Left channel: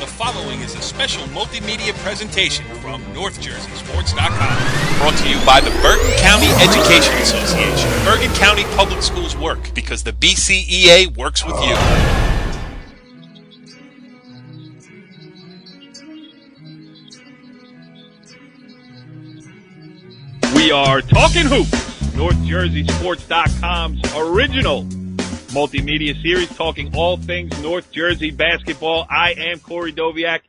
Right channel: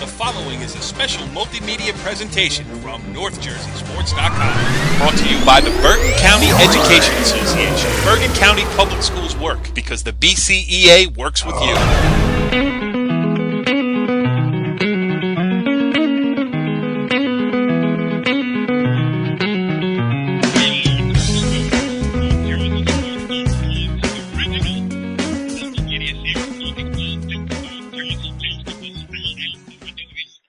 The following is a special multimedia presentation from NorthJerseySports.com. Brought to you by the Bergen County Education Association. Bergen County Public Schools work because the BCEA works with you. We are Talkin Hoops, NorthJerseySports.com's original multimedia series talking all things North Jersey basketball. I am Corey Doviak,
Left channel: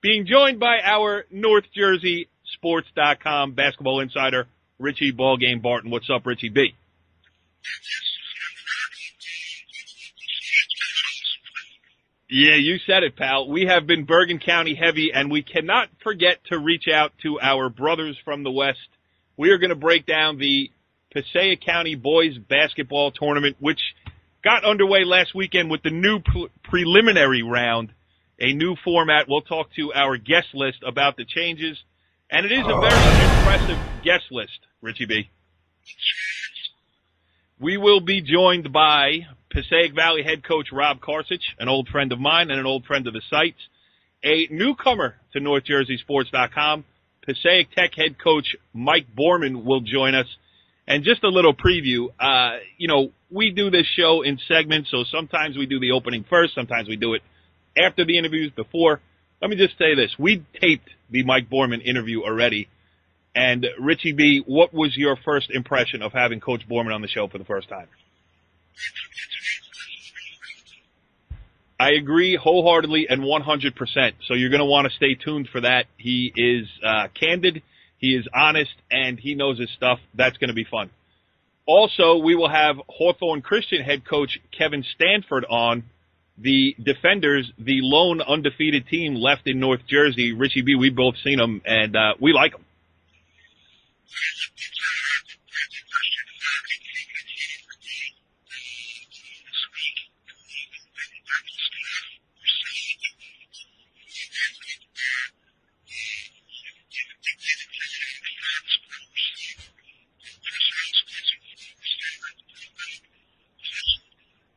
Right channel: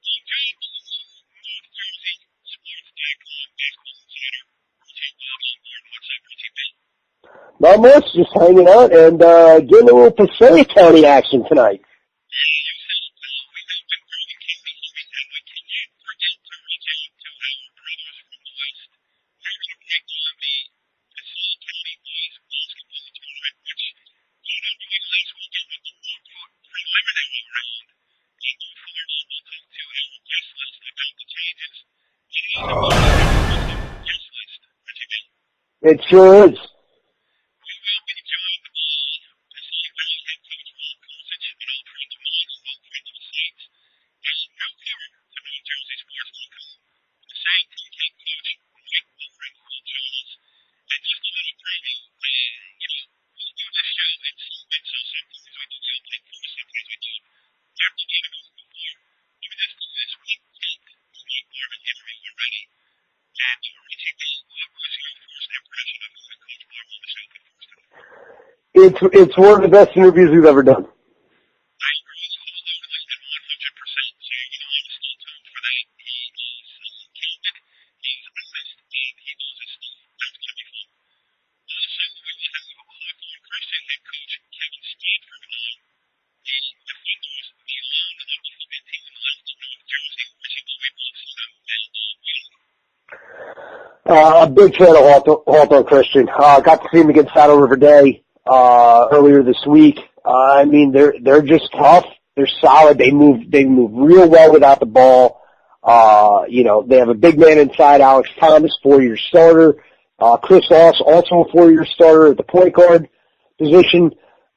being joined by our NorthJerseySports.com basketball insider, Richie Ballgame Barton. What's up, Richie B? Not much, just hanging out and getting a little Passaic County action tonight. Yeah, you said it, pal. We have been Bergen County heavy, and we cannot forget to reach out to our brothers from the West. We are going to break down the Passaic County boys basketball tournament, which got underway last weekend with the new preliminary round, a new format. We'll talk to our guest list about the changes, and it is a very impressive guest list, Richie B. It sure is. We will be joined by Passaic Valley head coach Rob Carcich, an old friend of mine and an old friend of the site, a newcomer to NorthJerseySports.com. Passaic Tech head coach Mike Boorman will join us. And just a little preview, we do this show in segments, so sometimes we do the opening first, sometimes we do it after the interviews, before. Let me just say this. We taped the Mike Boorman interview already. And, Richie B., what was your first impression of having Coach Boorman on the show for the first time? It's one of the best interviews we've ever done. I agree wholeheartedly and 100%. So you're going to want to stay tuned for that. He is candid. He is honest, and he knows his stuff. That's going to be fun. Also, we will have Hawthorne Christian head coach Kevin Stanford on. The Defenders, the lone undefeated team left in North Jersey. Richie B., we've both seen them, and we like them. A big fan of Hawthorne Christian. Got to see them against Saddle River Day earlier this week. They're just tough. They're solid. They move real well without the ball. They have a big man inside, Alex Thomas, 4-year starter. Chris Oss, also a 4-year starter at the point guard position.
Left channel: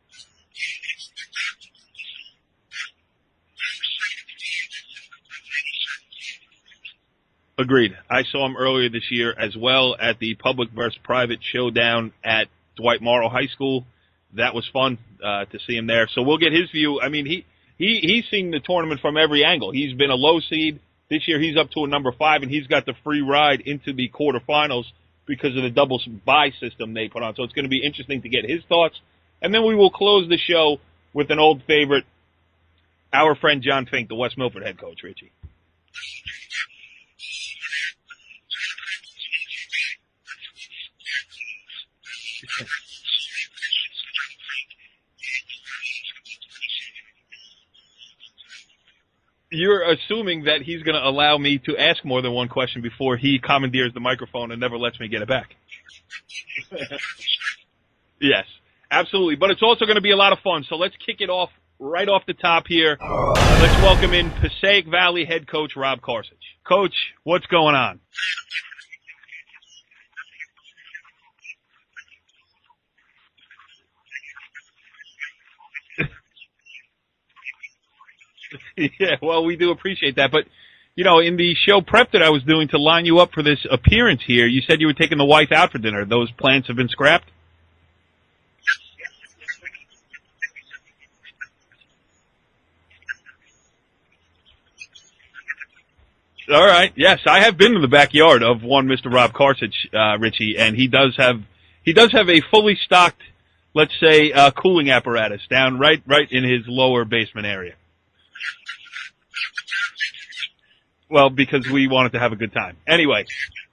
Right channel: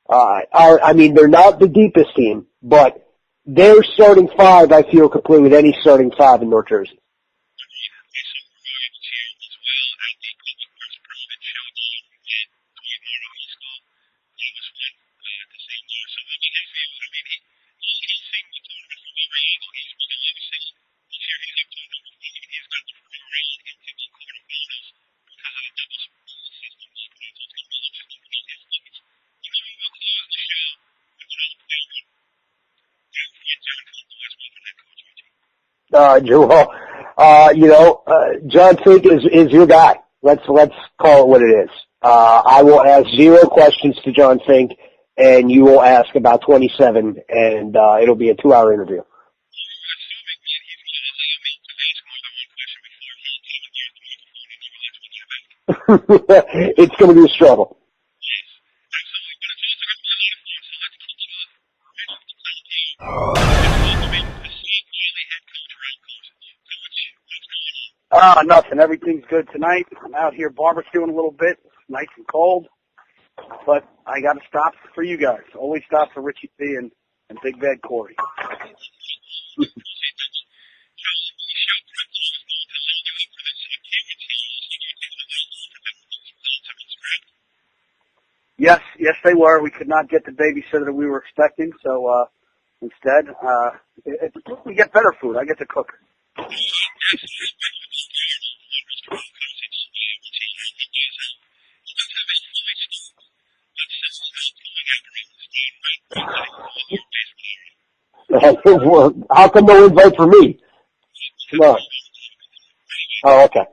They're not the deepest team, but their starting five, I feel, can play with any starting five in North Jersey. Agreed. I saw him earlier this year as well at the public versus private showdown at Dwight Morrow High School. That was fun to see him there. So we'll get his view. I mean, he's seen the tournament from every angle. He's been a low seed. This year he's up to a number 5, and he's got the free ride into the quarterfinals because of the double bye system they put on. So it's going to be interesting to get his thoughts. And then we will close the show with an old favorite, our friend John Fink, the West Milford head coach, Richie. John Fink is your guy. Let's call it what it is. I will ask 0 questions to John Fink, and you will ask about 27, and it'll be a 2-hour interview. You're assuming that he's going to allow me to ask more than one question before he commandeers the microphone and never lets me get it back. It's going to be a struggle. Yes, absolutely. But it's also going to be a lot of fun. So let's kick it off right off the top here. Let's welcome in Passaic Valley head coach Rob Carcich. Coach, what's going on? Nothing. Everything's good tonight. I'm out here barbecuing a little bit. It's nice and cold. But I got to stop for you guys. Always stop for Richie B. and Big Bad Corey. Yeah, well, we do appreciate that. But, in the show prep that I was doing to line you up for this appearance here, you said you were taking the wife out for dinner. Those plans have been scrapped? Yes, they were. We could not get the babysitter that we were expecting, so instead, we get better food. I get to cook. All right. Yes, I have been to the backyard of one Mr. Rob Carcich, Richie, and he does have a fully stocked, let's say, cooling apparatus down right in his lower basement area. How come no invite for me? Well, because we wanted to have a good time. Anyway. Oh, okay.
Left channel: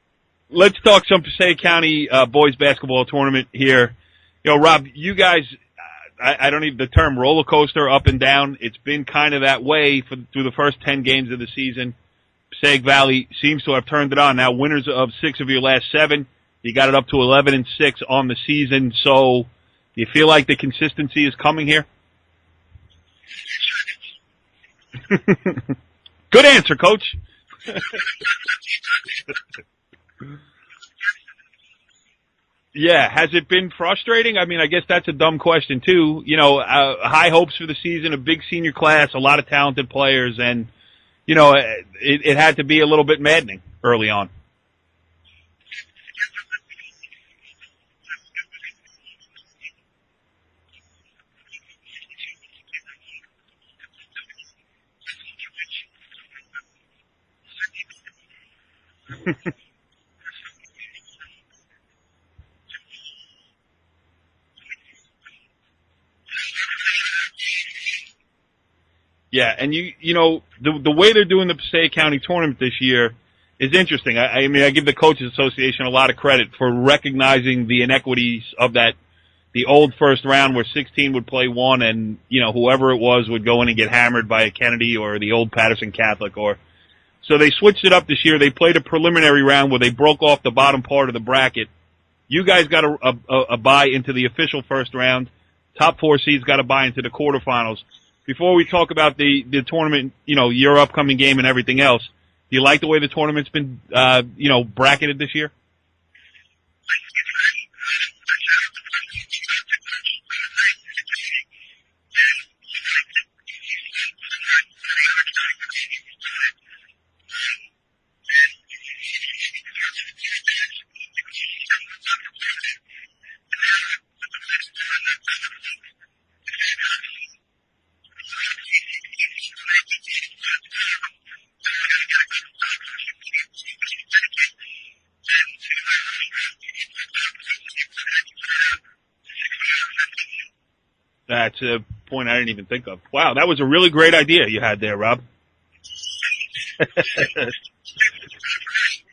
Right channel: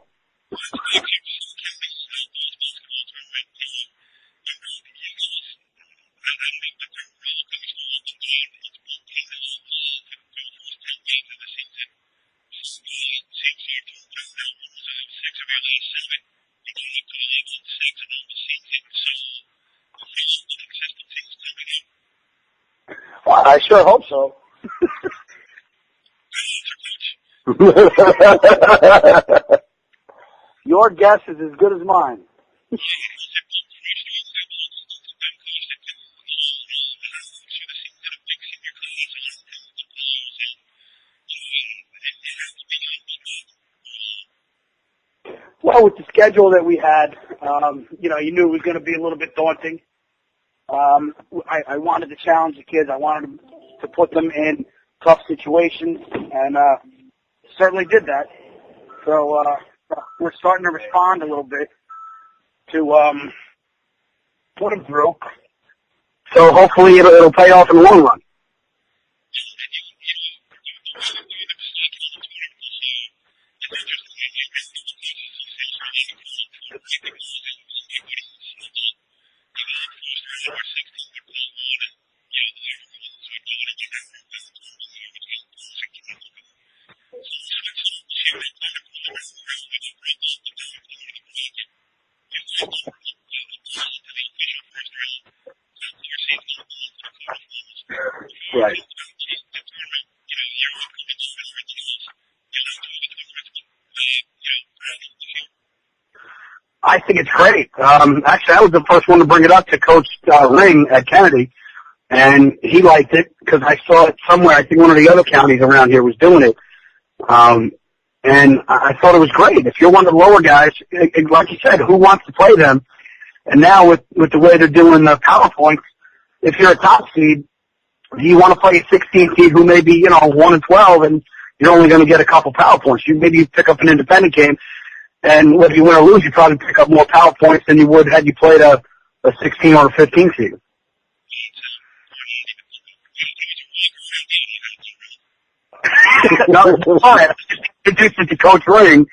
Let's talk some Passaic County boys basketball tournament here. Rob, you guys, I don't need the term roller coaster up and down. It's been kind of that way through the first 10 games of the season. Passaic Valley seems to have turned it on. Now, winners of 6 of your last 7. You got it up to 11-6 on the season. So, do you feel like the consistency is coming here? Well, I sure hope so. Good answer, Coach. Your guess is as good as mine. Yeah, has it been frustrating? I mean, I guess that's a dumb question too. You know, high hopes for the season, a big senior class, a lot of talented players, and you know, it had to be a little bit maddening early on. Well, with the schedule that we had, you know, you knew it was going to be a little bit daunting. I wanted to challenge the kids. I wanted to put them in tough situations, and certainly did that. So we're starting to respond a little bit to put them through. So hopefully it'll pay off in the long run. Yeah, and you know, the way they're doing the Passaic County tournament this year is interesting. I mean, I give the Coaches Association a lot of credit for recognizing the inequities of that. The old first round where 16 would play one and, you know, whoever it was would go in and get hammered by a Kennedy or the old Patterson Catholic. So they switched it up this year. They played a preliminary round where they broke off the bottom part of the bracket. You guys got a bye into the official first round. Top 4 seeds got a bye into the quarterfinals. Before we talk about the tournament, you know, your upcoming game and everything else, do you like the way the tournament's been, you know, bracketed this year? I think it's great. Actually, I was the first one to bring it up to Coach Ring at Kennedy, and he liked it because I saw it somewhere. I think one of the other counties around here was doing it. And I thought it was great. If you're one of the lower guys, like you said, who wants to play them? And now with the way they're doing the PowerPoints, if you're a top seed, you want to play a 16 seed who may be, you know, 1-12, and you're only going to get a couple PowerPoints. Maybe you pick up an independent game, and whether you win or lose, you probably pick up more PowerPoints than you would had you played a 16 or a 15 seed. That's a point I didn't even think of. Wow, that was a really great idea you had there, Rob. No, I introduced it to Coach Ring,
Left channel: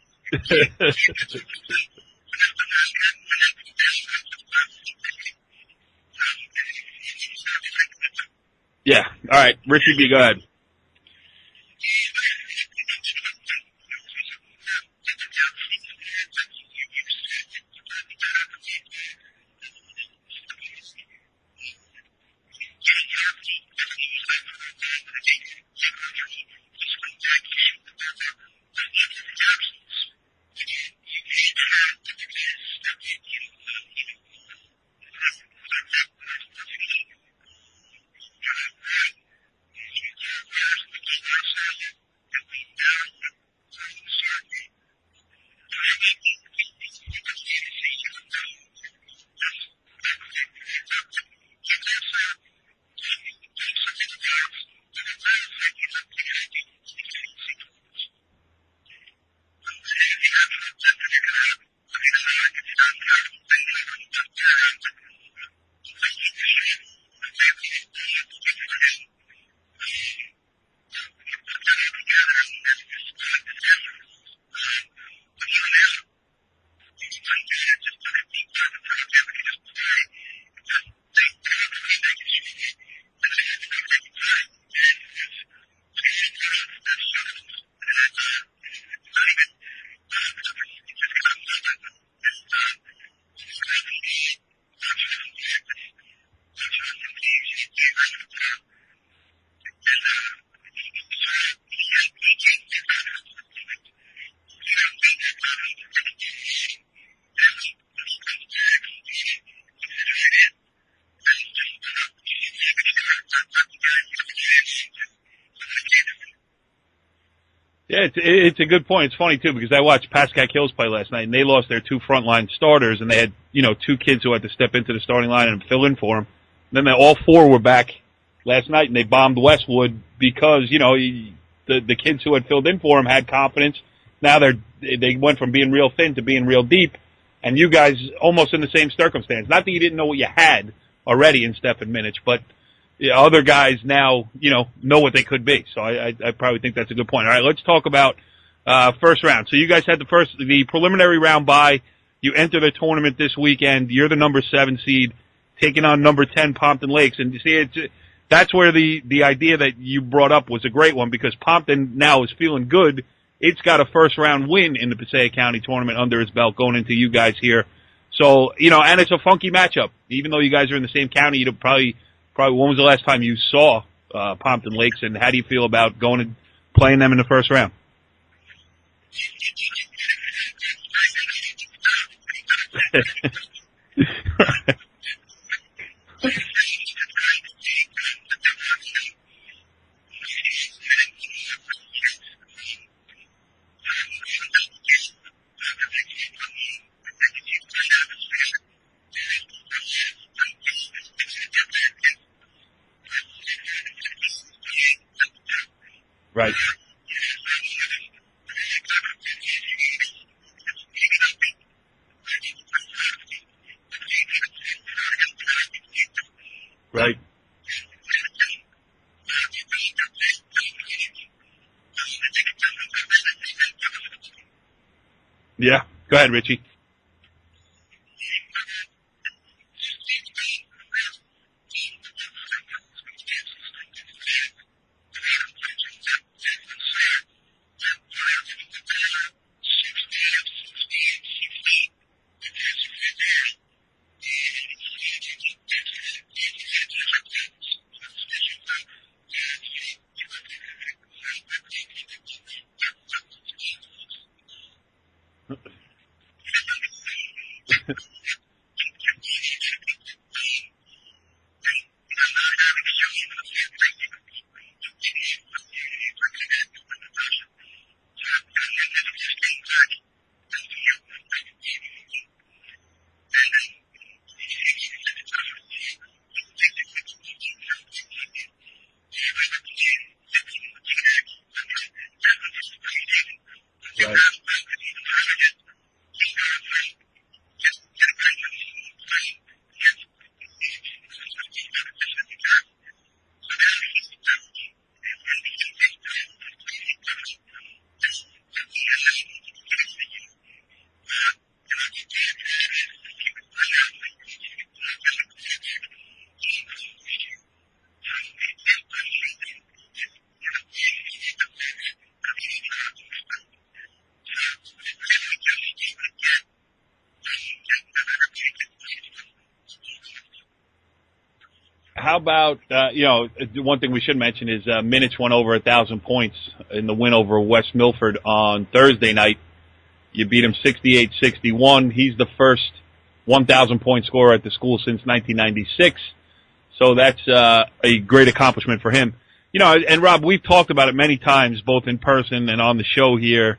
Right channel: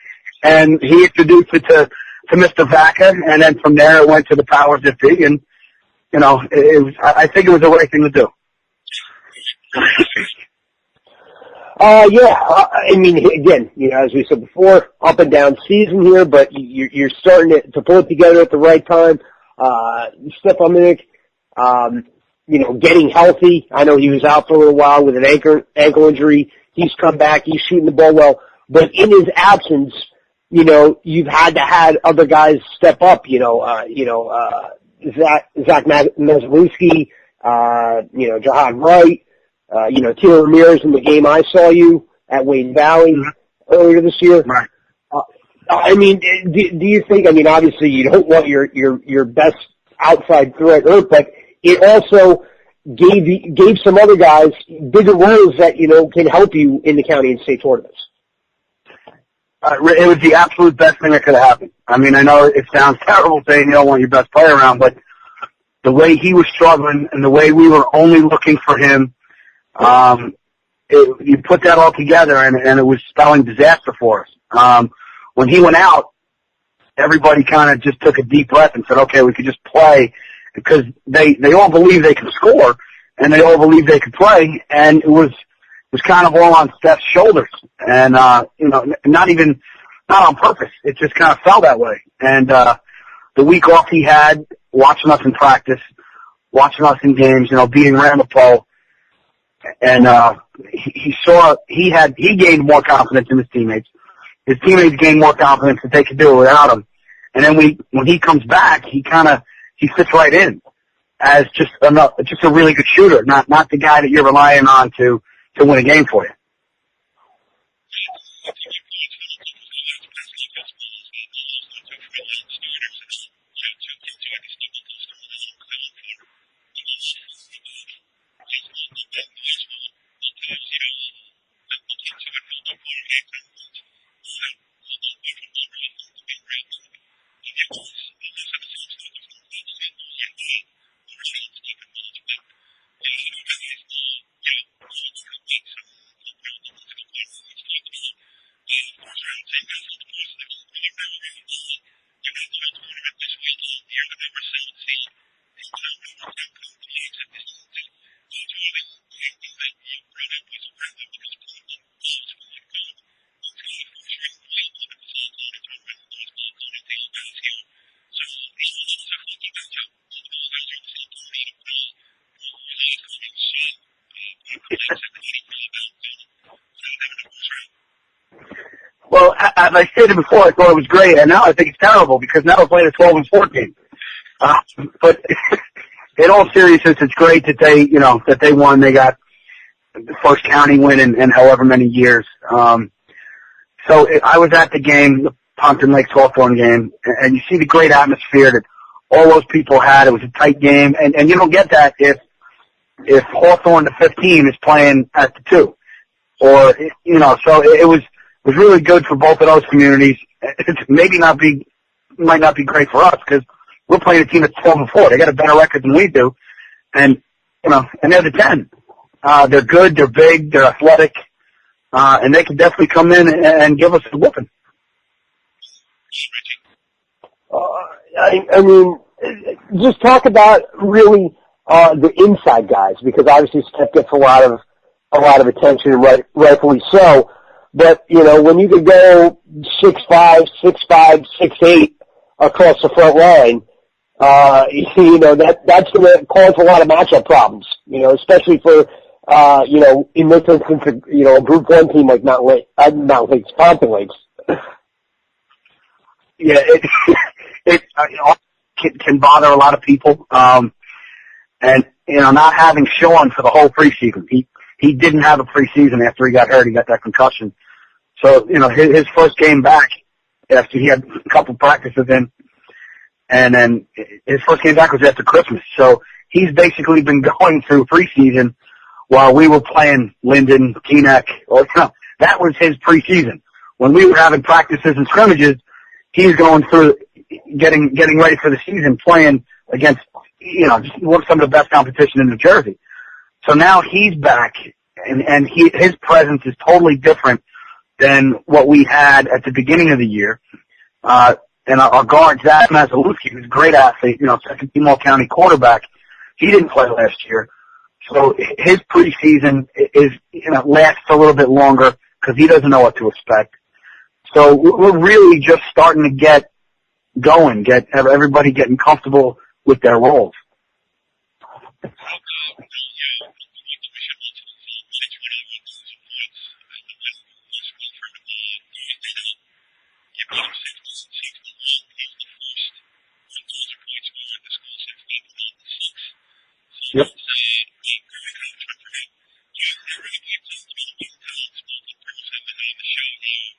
and he introduced it to Mr. Vaca, and then from there it went to the powers that be, and, you know, I think it was the right thing to do. Yeah. All right. Richard, you go ahead. I mean, again, you know, as we said before, up and down season here, but you're starting to pull it together at the right time. Stefan Minnick, you know, getting healthy. I know he was out for a little while with an ankle injury. He's come back. He's shooting the ball well. But in his absence, you know, you've had to have other guys step up, Zach Meslinski, you know, Jahan Wright, you know, Tito Ramirez in the game I saw you at Wayne Valley earlier this year. Right. I mean, do you think, I mean, obviously you don't want your best outside threat hurt, but it also gave some other guys bigger roles that, you know, can help you in the county and state tournaments. It was the absolute best thing that could have happened. I mean, I know it sounds terrible saying you don't want your best player around, but the way he was struggling and the way we were only looking for him, you put that all together and it was spelling disaster for us. When he went out, everybody kind of just took a deep breath and said, okay, we could just play, because they all believe they can score and they all believe they could play, and it was kind of all on Steph's shoulders, and you know, not on purpose. It just kind of fell that way. And the week off he had, watching us in practice, watching us in games, you know, being around the pole, and he gained more confidence in his teammates. His teammates gained more confidence that they could do it without him. And then when he comes back, he fits right in as just a really good shooter, not the guy that you're relying on to win a game for you. Yeah, it's a good point. It's funny too, because I watched Passaic Hills play last night, and they lost their two frontline starters, and they had, you know, two kids who had to step into the starting line and fill in for them. And then all four were back last night, and they bombed Westwood because, you know, the kids who had filled in for them had confidence. Now they went from being real thin to being real deep, and you guys almost in the same circumstance. Not that you didn't know what you had already in Steph and Minich, but other guys now, you know what they could be. So I probably think that's a good point. All right, let's talk about first round. So you guys had the preliminary round bye. You enter the tournament this weekend. You're the number 7 seed, taking on number 10 Pompton Lakes. And you see, that's where the idea that you brought up was a great one, because Pompton now is feeling good. It's got a first round win in the Passaic County tournament under its belt going into you guys here. So, you know, and it's a funky matchup. Even though you guys are in the same county, you'd probably when was the last time you saw Pompton Lakes, and how do you feel about going and playing them in the first round? Well, as I stated before, I thought it was great, and now I think it's terrible because now we're playing a 12-14. But in all seriousness, it's great that they won. They got the first county win in however many years. I was at the game, the Pompton Lakes Hawthorne game, and you see the great atmosphere that all those people had. It was a tight game, and you don't get that if Hawthorne, the 15, is playing at the 2. Right. Or, so it was really good for both of those communities. It might not be great for us because we're playing a team that's 12-4. They got a better record than we do. And, and they're the 10. They're good, they're big, they're athletic, and they could definitely come in and give us a whooping. Yeah. Go ahead, Richie. I mean, just talk about really the inside guys, because obviously Steph gets a lot of attention, and rightfully so. But when you could go 6'5", 6'5", 6'8" across the front line, that's going to cause a lot of matchup problems. Especially for in this instance, a Group 1 team like Pompton Lakes. Yeah, it can bother a lot of people. And not having Sean for the whole preseason, he didn't have a preseason after he got hurt. He got that concussion. So his first game back after he had a couple practices in, and then his first game back was after Christmas. So he's basically been going through preseason while we were playing Linden, Teaneck. That was his preseason. When we were having practices and scrimmages, he's going through getting ready for the season, playing against some of the best competition in New Jersey. So now he's back, and his presence is totally different than what we had at the beginning of the year. And our guard, Zach Masalewski, who's a great athlete, second-team All-County quarterback, he didn't play last year. So his preseason lasts a little bit longer because he doesn't know what to expect. So we're really just starting to get going, get everybody getting comfortable with their roles. How about, one thing we should mention is Minutes went over 1,000 points in the win over West Milford on Thursday night. You beat him 68-61. He's the first 1,000-point scorer at the school since 1996. So that's a great accomplishment for him. And Rob, we've talked about it many times, both in person and on the show here.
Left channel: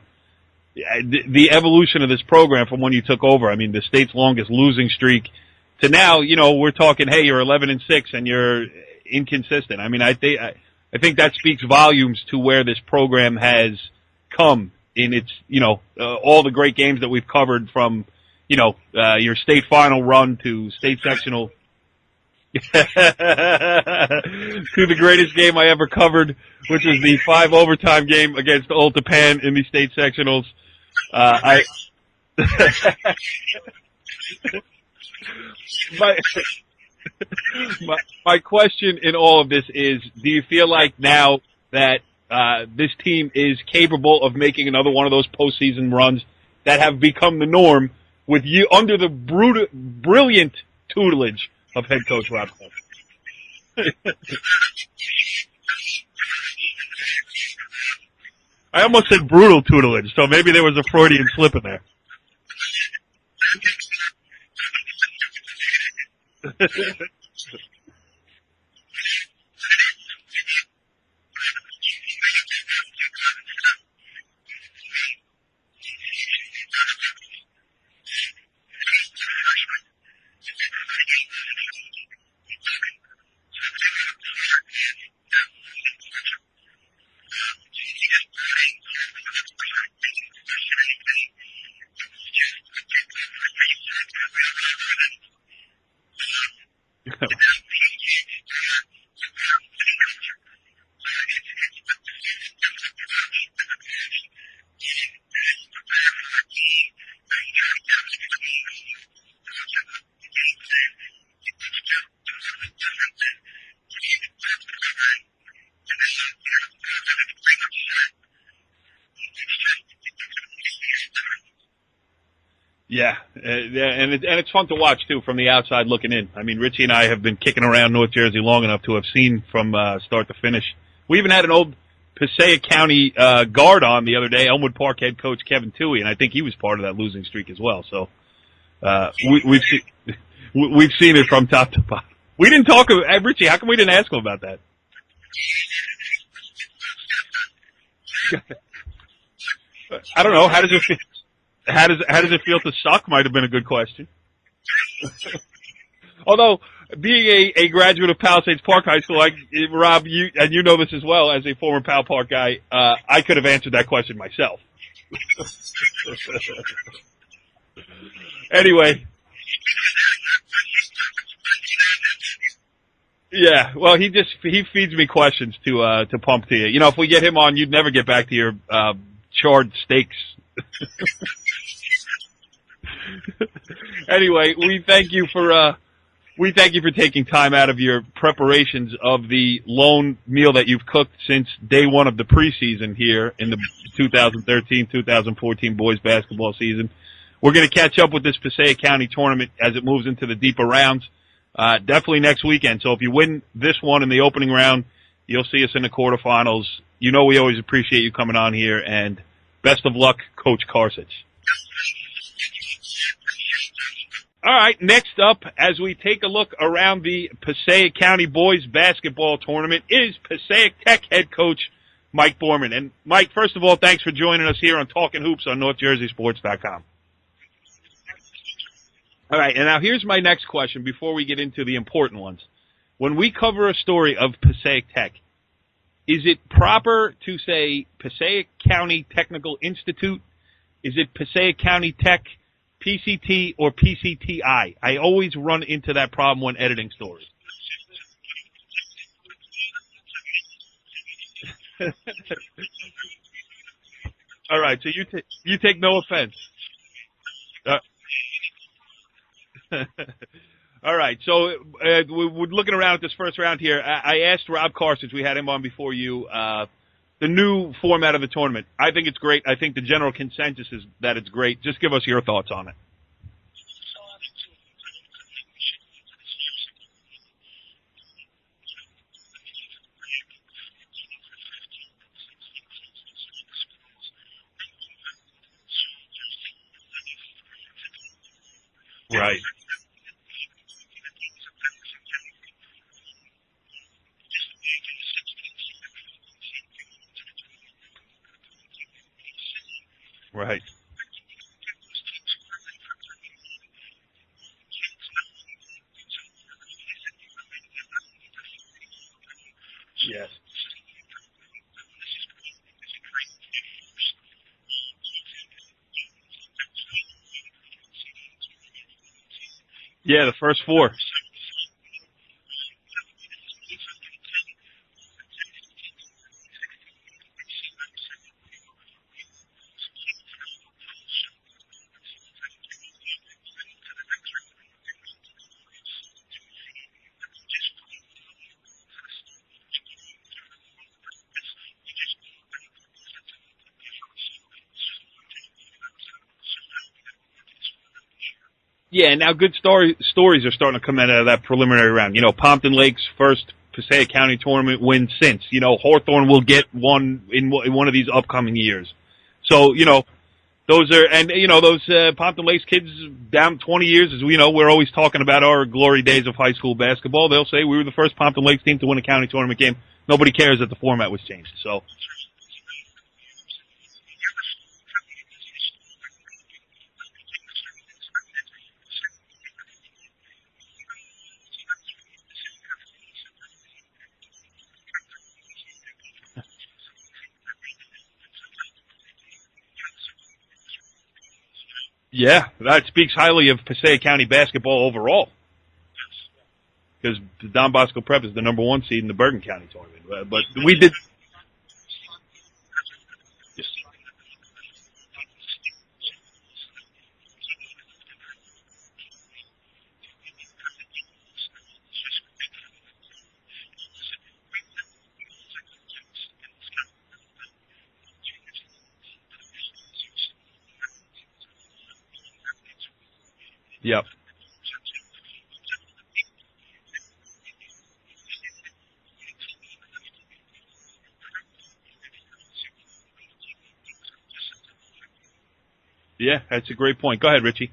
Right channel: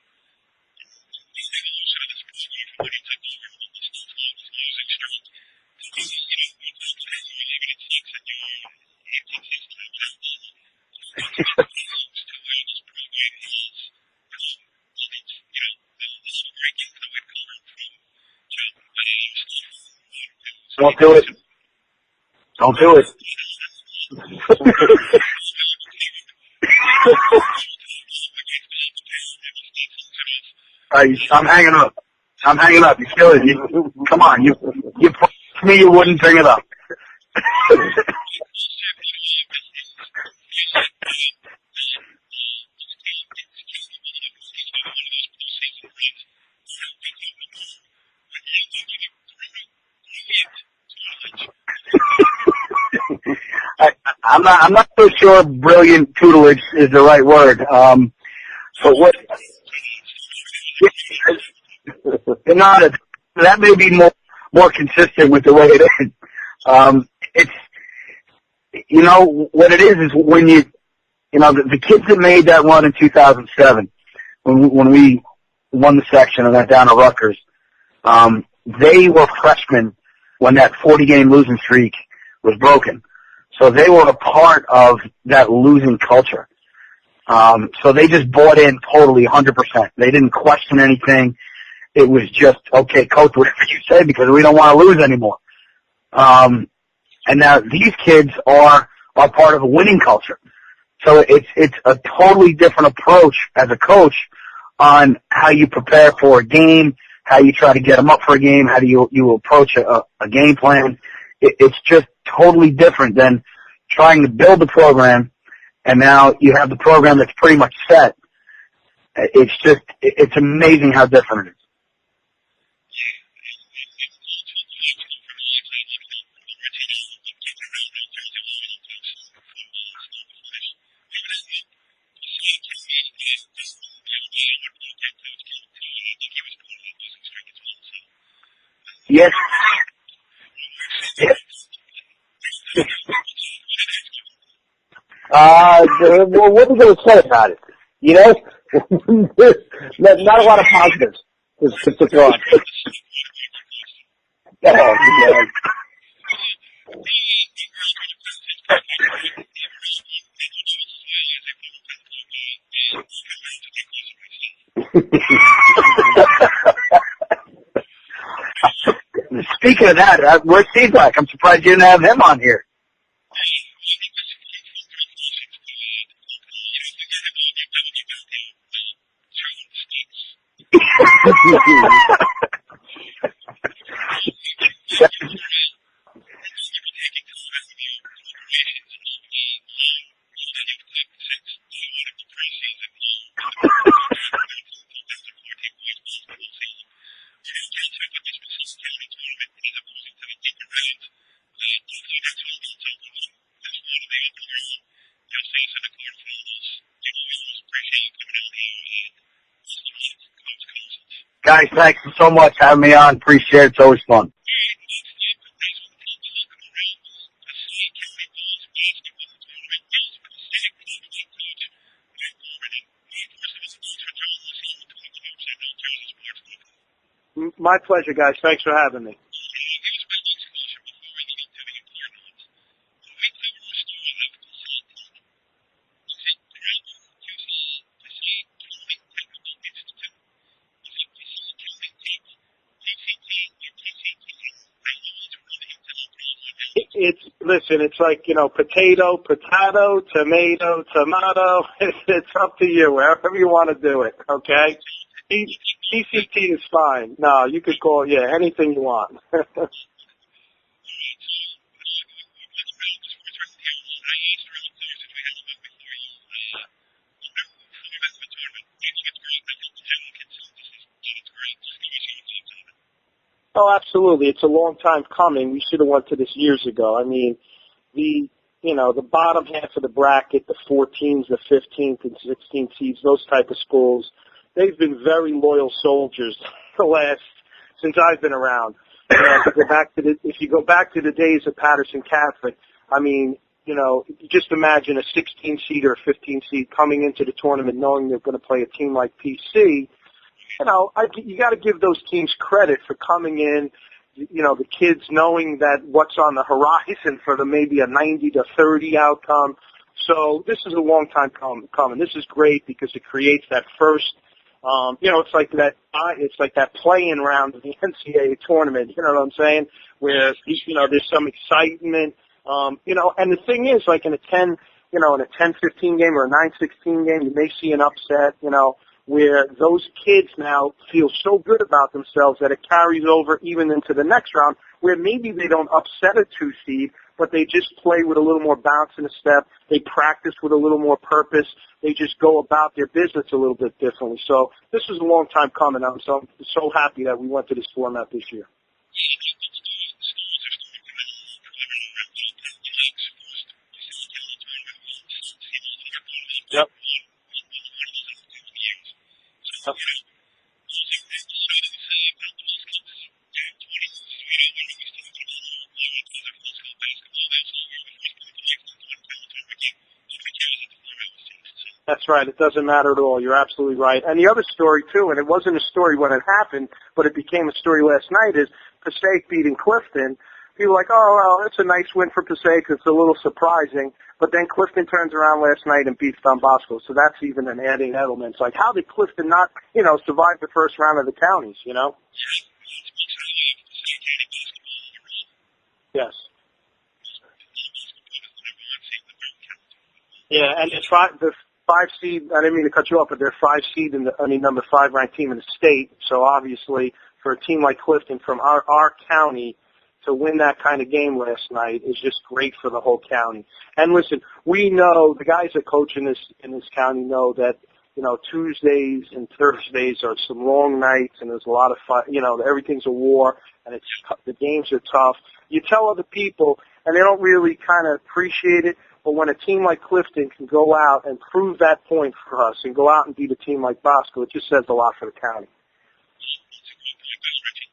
The evolution of this program from when you took over. I mean, the state's longest losing streak to now, we're talking, hey, you're 11-6 and you're inconsistent. I mean, I think that speaks volumes to where this program has come in its, all the great games that we've covered from, your state final run to state national. Don't do it. To the greatest game I ever covered, which is the 5 overtime game against Old Japan in the state sectionals. I'm hanging up. I'm hanging up. You're killing me. Come on. You promised me you wouldn't bring it up. My question in all of this is, do you feel like now that this team is capable of making another one of those postseason runs that have become the norm with you under the brilliant tutelage of head coach Rob Carcich? I'm not so sure brilliant tutelage is the right word. I almost said brutal tutelage, so maybe there was a Freudian slip in there. That may be more consistent with the way it is. It's what it is when the kids that made that run in 2007 when we won the section and went down to Rutgers, they were freshmen when that 40-game losing streak was broken. So they were a part of that losing culture. So they just bought in totally 100%. They didn't question anything. It was just, okay, coach, whatever you say, because we don't want to lose anymore. And now these kids are part of a winning culture. So it's a totally different approach as a coach on how you prepare for a game, how you try to get them up for a game, how do you approach a game plan. It's just totally different than trying to build the program, and now you have the program that's pretty much set. It's amazing how different it is. Yeah, and it's fun to watch too from the outside looking in. I mean, Richie and I have been kicking around North Jersey long enough to have seen from start to finish. We even had an old Passaic County guard on the other day, Elmwood Park head coach Kevin Toohey, and I think he was part of that losing streak as well. So we've seen it from top to bottom. We didn't talk about Richie. How come we didn't ask him about that? Well, what are we going to say about it? You know, that's not a lot of positives. How does it feel to suck? Might have been a good question. Oh, Although, being a graduate of Palisades Park High School, Rob, you know this as well as a former Pal Park guy, I could have answered that question myself. Anyway. Speaking of that, where's Seablack? I'm surprised you didn't have him on here. Yeah, well, he feeds me questions to pump to you. You know, if we get him on, you'd never get back to your charred steaks. Anyway, we thank you for taking time out of your preparations of the lone meal that you've cooked since day one of the preseason here in the 2013-2014 boys basketball season. We're going to catch up with this Passaic County tournament as it moves into the deeper rounds. Definitely next weekend. So if you win this one in the opening round, you'll see us in the quarterfinals. You know we always appreciate you coming on here, and best of luck, Coach Carcich. Guys, thanks so much for having me on. Appreciate it. It's always fun. All right, next up, as we take a look around the Passaic County boys basketball tournament, is Passaic Tech head coach Mike Boorman. And, Mike, first of all, thanks for joining us here on Talkin Hoops on NorthJerseySports.com. My pleasure, guys. Thanks for having me. All right, and now here's my next question before we get into the important ones. When we cover a story of Passaic Tech, is it proper to say Passaic County Technical Institute? Is it Passaic County Tech, PCT, or PCTI? I always run into that problem when editing stories. Listen, it's like, potato, tomato. It's up to you, wherever you want to do it, okay? All right, so you take no offense. PCT is fine. No, you can call it, anything you want. All right, so we're looking around at this first round here. I asked Rob Carcich, we had him on before you, the new format of the tournament. I think it's great. I think the general consensus is that it's great. Just give us your thoughts on it. Oh, absolutely. It's a long time coming. We should have went to this years ago. I mean, the bottom half of the bracket, the 14s, the 15th and 16th seeds, those type of schools, they've been very loyal soldiers since I've been around. If you go back to the days of Patterson Catholic, I mean, just imagine a 16 seed or a 15 seed coming into the tournament knowing they're going to play a team like PC. Right. You got to give those teams credit for coming in, the kids knowing that what's on the horizon for maybe a 90-30 outcome. So this is a long time coming. This is great because it creates that first, it's like that play-in round of the NCAA tournament. You know what I'm saying? Where, first four. There's some excitement. And the thing is, like in a 10-15 game or a 9-16 game, you may see an upset, where those kids now feel so good about themselves that it carries over even into the next round, where maybe they don't upset a 2 seed, but they just play with a little more bounce in a step. They practice with a little more purpose. They just go about their business a little bit differently. So this was a long time coming. I'm so happy that we went to this format this year. Yeah, now good stories are starting to come out of that preliminary round. Pompton Lakes first Passaic County tournament win since. Hawthorne will get one in one of these upcoming years. So, those are, and, those Pompton Lakes kids down 20 years, as we know, we're always talking about our glory days of high school basketball. They'll say we were the first Pompton Lakes team to win a county tournament game. Nobody cares that the format was changed. So that's right. It doesn't matter at all. You're absolutely right. And the other story, too, and it wasn't a story when it happened, but it became a story last night, is Passaic beating Clifton. People were like, oh, well, that's a nice win for Passaic. It's a little surprising. But then Clifton turns around last night and beats Don Bosco. So that's even an adding element. It's like, how did Clifton not, survive the first round of the counties, Yeah, that speaks highly of Passaic County basketball overall. Yes. Because Don Bosco Prep is the number 1 seed in the Bergen County tournament. But and the 5 seed, I didn't mean to cut you off, but they're 5 seed number 5 ranked team in the state. So obviously for a team like Clifton from our county to win that kind of game last night is just great for the whole county. And listen, we know, the guys that coach in this county know that, Tuesdays and Thursdays are some long nights and there's a lot of fun, everything's a war and the games are tough. You tell other people and they don't really kind of appreciate it, But when a team like Clifton can go out and prove that point for us and go out and beat a team like Bosco, it just says a lot for the county. Yeah, that's a great point. Go ahead, Richie.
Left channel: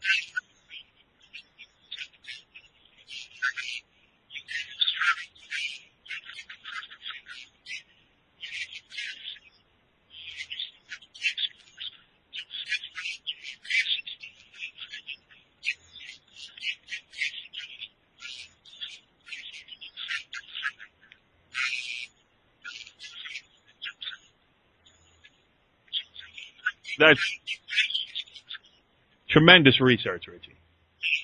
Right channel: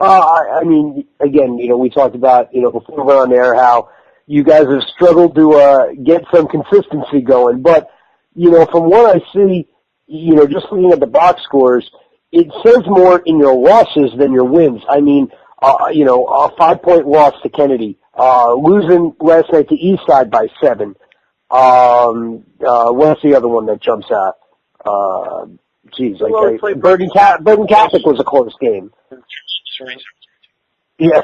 I mean, again, we talked about, before we went on there how you guys have struggled to get some consistency going. But, from what I see, just looking at the box scores, it says more in your losses than your wins. I mean, a 5-point loss to Kennedy, losing last night to Eastside by 7. What's the other one that jumps out? Burden Catholic was a close game. Tremendous research, Richie. Yeah.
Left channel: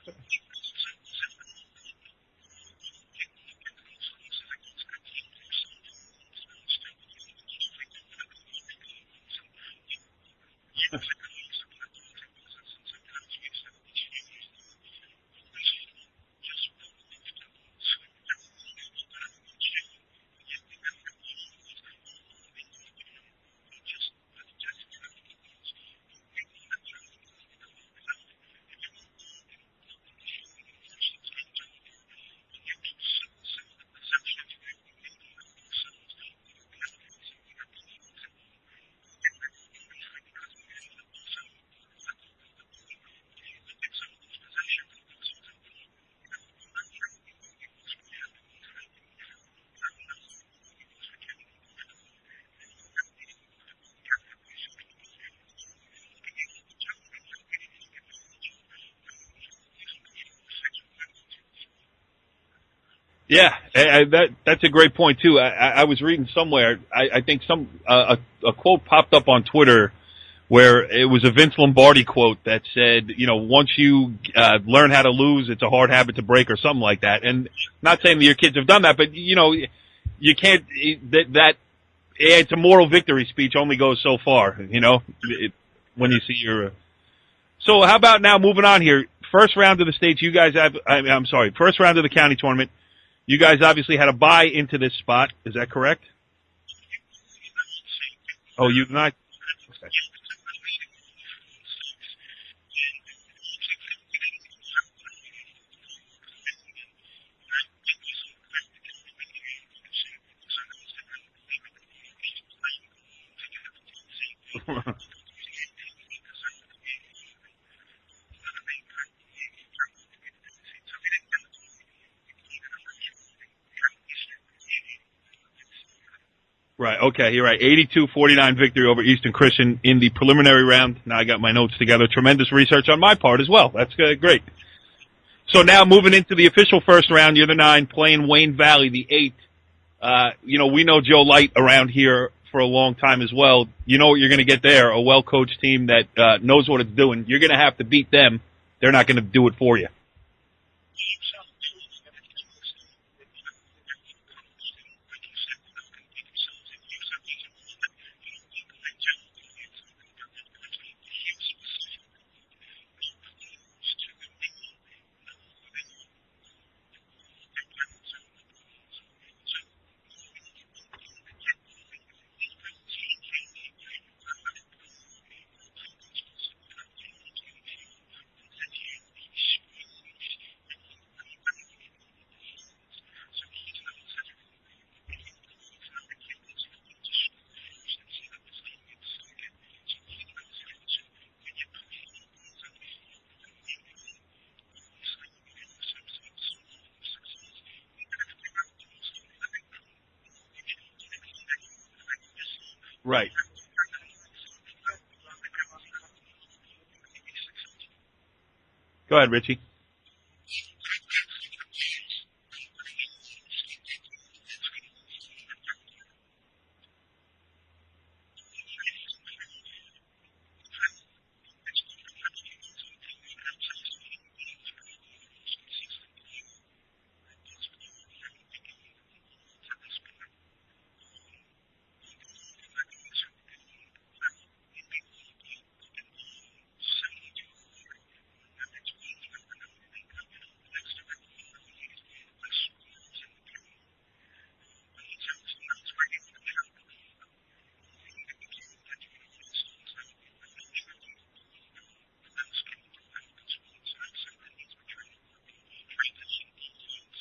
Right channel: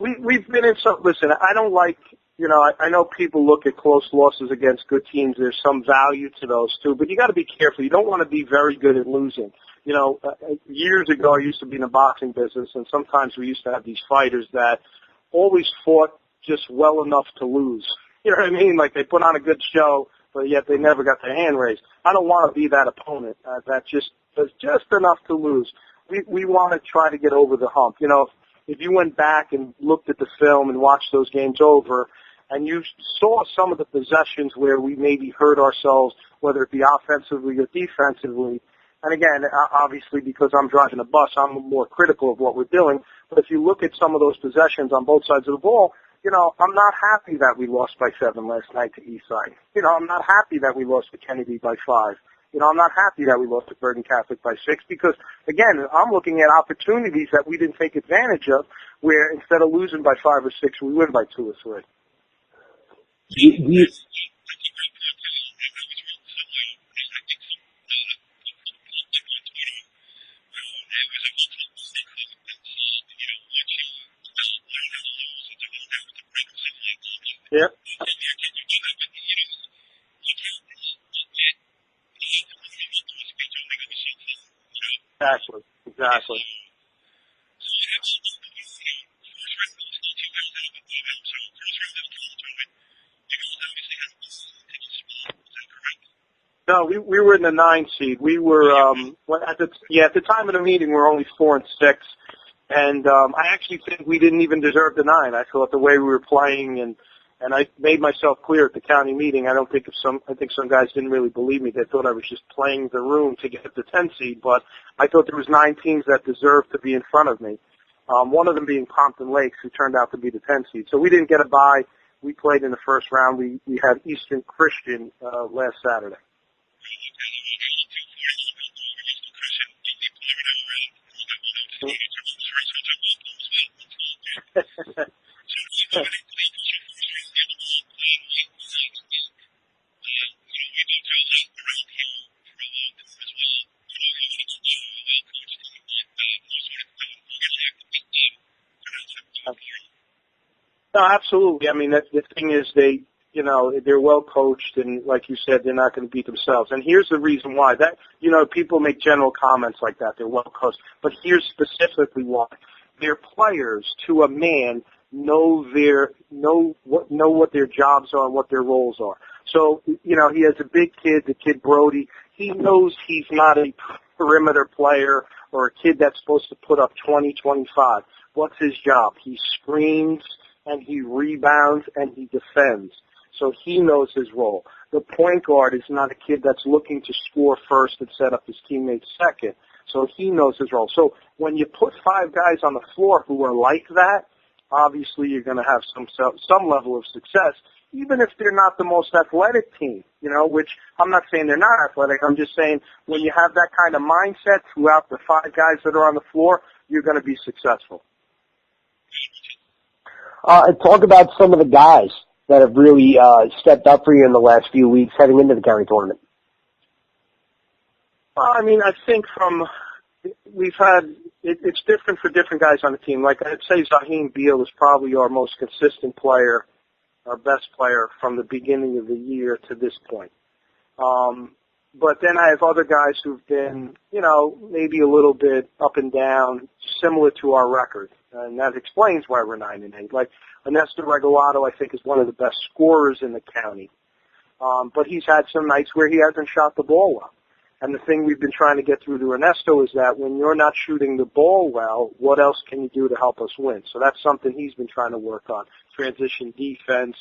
We've been in some. Listen, I don't like. I know people look at close losses against good teams. There's some value to those too, but you got to be careful. You don't want to be very good at losing. Years ago, I used to be in the boxing business, and sometimes we used to have these fighters that always fought just well enough to lose. You know what I mean? Like they put on a good show, but yet they never got their hand raised. I don't want to be that opponent that just does just enough to lose. We want to try to get over the hump. If you went back and looked at the film and watched those games over, and you saw some of the possessions where we maybe hurt ourselves, whether it be offensively or defensively. And again, obviously because I'm driving a bus, I'm more critical of what we're doing. But if you look at some of those possessions on both sides of the ball, I'm not happy that we lost by 7 last night to Eastside. I'm not happy that we lost to Kennedy by 5. I'm not happy that we lost to Burden Catholic by 6 because, again, I'm looking at opportunities that we didn't take advantage of where instead of losing by 5 or 6, we win by 2 or 3. Yeah, that's a great point, too. I was reading somewhere, I think a quote popped up on Twitter where it was a Vince Lombardi quote that said, once you learn how to lose, it's a hard habit to break or something like that. And not saying that your kids have done that, but, you can't it's a moral victory speech only goes so far, Exactly. When you see your So how about now moving on here? First round of the states, you guys have, first round of the county tournament. You guys obviously had a bye into this spot. Is that correct? No, we were in the 9 seed. We were at the time of the meeting we were only 4 and 6, and I actually think we didn't even deserve the 9. I thought the way we were playing, and I made myself clear at the county meeting. I think some guys didn't really believe me. They thought I was just playing the room to get the 10 seed, but I thought there was 9 teams that deserved to be in front of me. One of them being Pompton Lakes, who turned out to be the 10 seed. So we didn't get a bye. We played in the first round. We had Eastern Christian last Saturday. Right, okay, you're right. 82-49 victory over Eastern Christian in the preliminary round. Now I got my notes together. Tremendous research on my part as well. That's great. So now moving into the official first round, you're the 9, playing Wayne Valley, the 8. We know Joe Light around here for a long time as well. You know what you're going to get there, a well-coached team that knows what it's doing. You're going to have to beat them. They're not going to do it for you. No, absolutely. I mean, the thing is they're well coached, and like you said, they're not going to beat themselves. And here's the reason why. People make general comments like that. They're well coached, but here's specifically why. Their players, to a man, know what their jobs are and what their roles are. So, he has a big kid, the kid Brody. He knows he's not a perimeter player or a kid that's supposed to put up 20, 25. What's his job? He screens and he rebounds and he defends. So he knows his role. The point guard is not a kid that's looking to score first and set up his teammates second. So he knows his role. So when you put 5 guys on the floor who are like that, obviously you're going to have some level of success, even if they're not the most athletic team, which I'm not saying they're not athletic. I'm just saying when you have that kind of mindset throughout the 5 guys that are on the floor, you're going to be successful. Go ahead, Richie. Talk about some of the guys that have really stepped up for you in the last few weeks heading into the county tournament. I mean, I think it's different for different guys on the team. Like I'd say Zaheen Beal is probably our most consistent player, our best player from the beginning of the year to this point. But then I have other guys who've been, maybe a little bit up and down, similar to our record. And that explains why we're 9 and 8. Like Ernesto Regalato, I think, is one of the best scorers in the county. But he's had some nights where he hasn't shot the ball well. And the thing we've been trying to get through to Ernesto is that when you're not shooting the ball well, what else can you do to help us win? So that's something he's been trying to work on. Transition defense,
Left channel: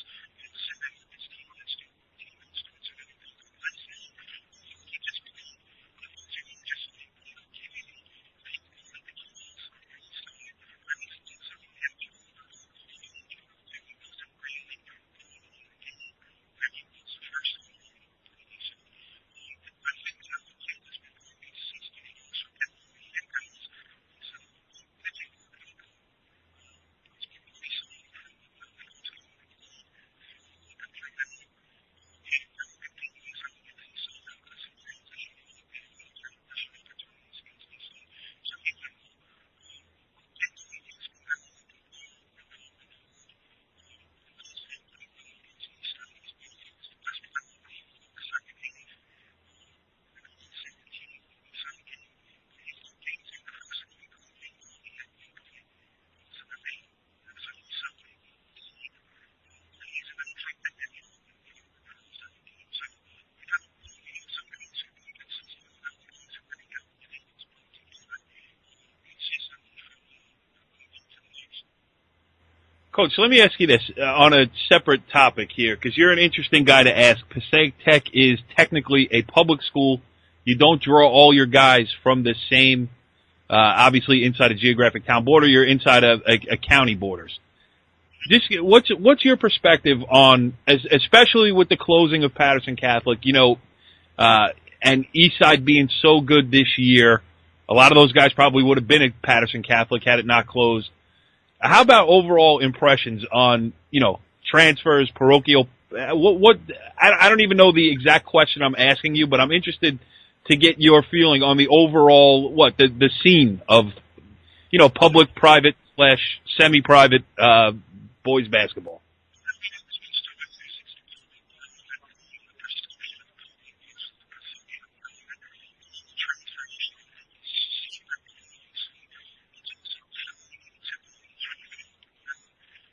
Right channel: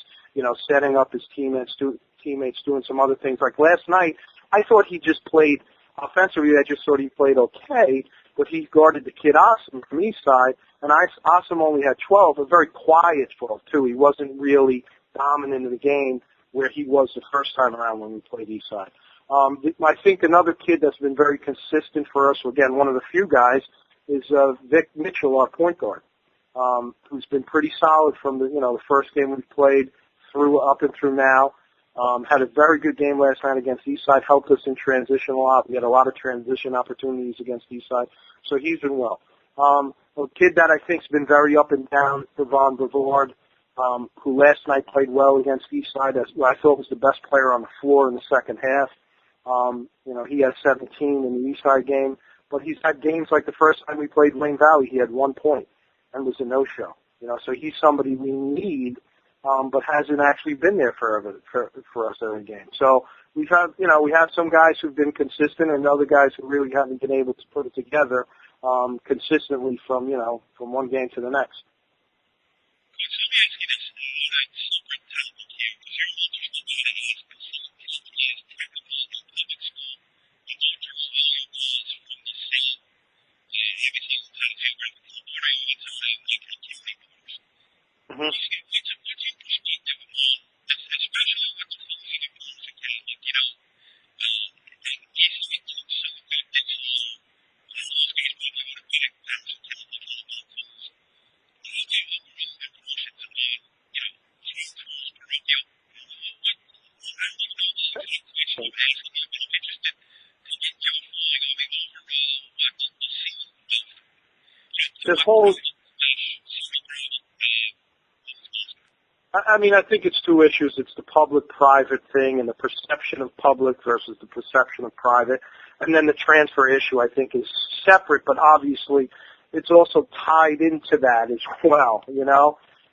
setting up his teammates, doing some other things. Like last night, I thought he just played offensively. I just thought he played okay, but he guarded the kid Asim from East Side, and Asim only had 12, a very quiet 12 too. He wasn't really dominant in the game where he was the first time around when we played East Side. I think another kid that's been very consistent for us, again, one of the few guys, is Vic Mitchell, our point guard, who's been pretty solid from the first game we played up and through now. Had a very good game last night against Eastside, helped us in transition a lot. We had a lot of transition opportunities against Eastside, so he's been well. A kid that I think's been very up and down, Devon Bavard, who last night played well against Eastside. I thought was the best player on the floor in the second half. He has 17 in the Eastside game, but he's had games like the first time we played Wayne Valley, he had 1 point and was a no-show. So he's somebody we need, but hasn't actually been there for us every game. So we have some guys who've been consistent and other guys who really haven't been able to put it together consistently from one game to the next. Coach, let me ask you this on a separate topic here, because you're an interesting guy to ask. Passaic Tech is technically a public school. You don't draw all your guys from the same, obviously inside a geographic town border. You're inside a county borders. Mm-hmm. Just what's your perspective on, especially with the closing of Patterson Catholic, and Eastside being so good this year? A lot of those guys probably would have been at Patterson Catholic had it not closed. How about overall impressions on, transfers, parochial? I don't even know the exact question I'm asking you, but I'm interested to get your feeling on the overall, the scene of, public, private / semi-private boys basketball. I think it's two issues. It's the public-private thing and the perception of public versus the perception of private. And then the transfer issue, I think, is separate, but obviously it's also tied into that as well,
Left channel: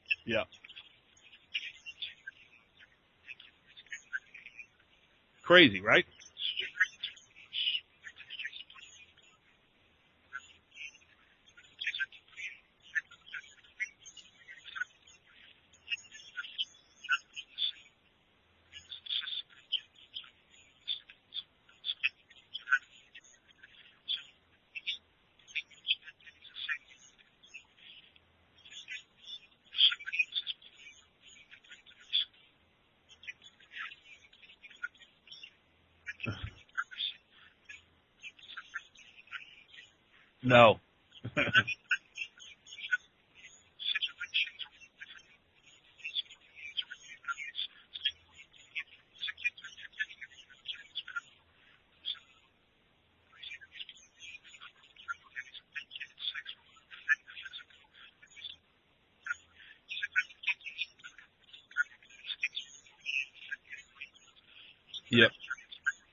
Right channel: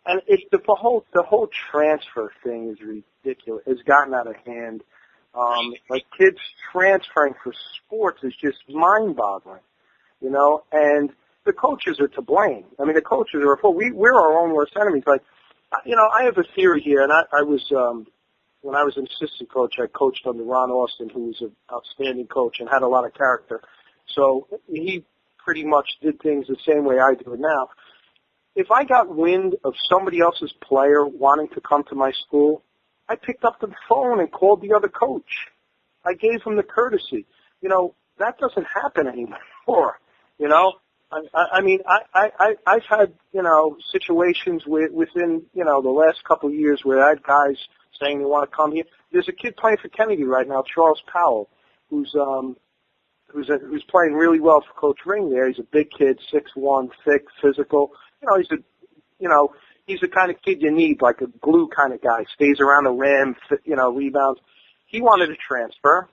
And it's the whole transfer thing is ridiculous. It's gotten out of hand. Crazy, right? Kids transferring for sports is just mind-boggling, And the coaches are to blame. The coaches are we're our own worst enemies. Like, I have a theory here, and I was when I was an assistant coach, I coached under Ron Austin, who was an outstanding coach and had a lot of character. So he pretty much did things the same way I do it now. If I got wind of somebody else's player wanting to come to my school, I picked up the phone and called the other coach. I gave him the courtesy. That doesn't happen anymore. No. I've had, situations within, the last couple of years where I had guys saying they want to come here. There's a kid playing for Kennedy right now, Charles Powell, who's playing really well for Coach Ring there. He's a big kid, 6'1", thick, physical. He's the kind of kid you need, like a glue kind of guy. Stays around the rim, rebounds. He wanted to transfer.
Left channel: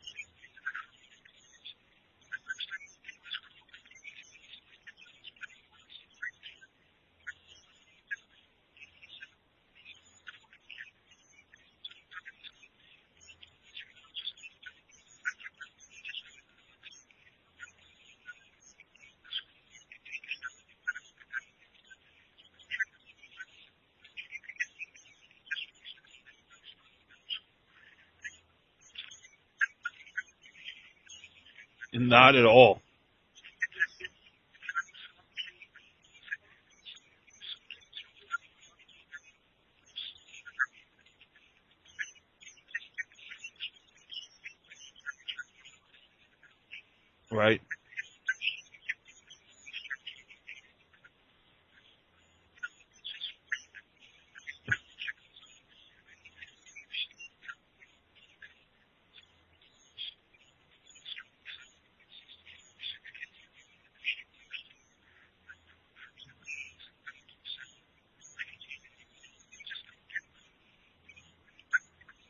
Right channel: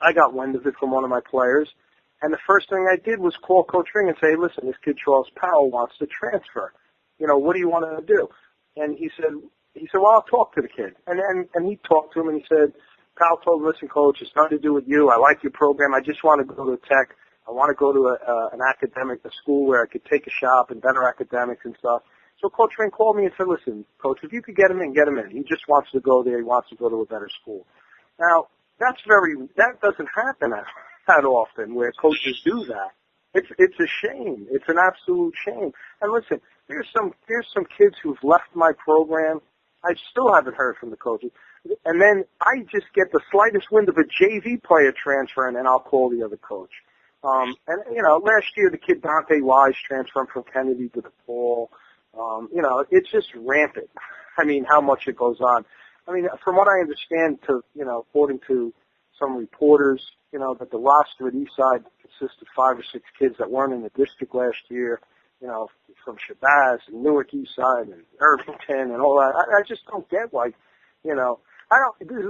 I got wind of it from one of my players. And the first thing I did was call Coach Ring and say, listen, this kid Charles Powell wants to transfer. What do you want to do? And he said, well, I'll talk to the kid. And he talked to him and he said, Powell told him, listen, Coach, it's nothing to do with you. I like your program. I just want to go to Tech. I want to go to a school where I could take a shop and better academics and stuff. So Coach Ring called me and said, listen, Coach, if you could get him in, get him in. He just wants to go there. He wants to go to a better school. Now, that doesn't happen that often where coaches Not at do all. that. It's a shame. It's an absolute shame. And listen, here's some kids who've left my program. I still haven't heard from the coaches. And then I just get the slightest wind of a JV player transferring, and I'll call the other coach. Right. And, last year the kid Dante Wise transferring from Kennedy to DePaul. It's just rampant. How much it goes on. From what I understand, according to some reporters, that the roster at Eastside consists of 5 or 6 kids that weren't in the district last year, from Shabazz and Newark Eastside and Irvington and all that. I just don't get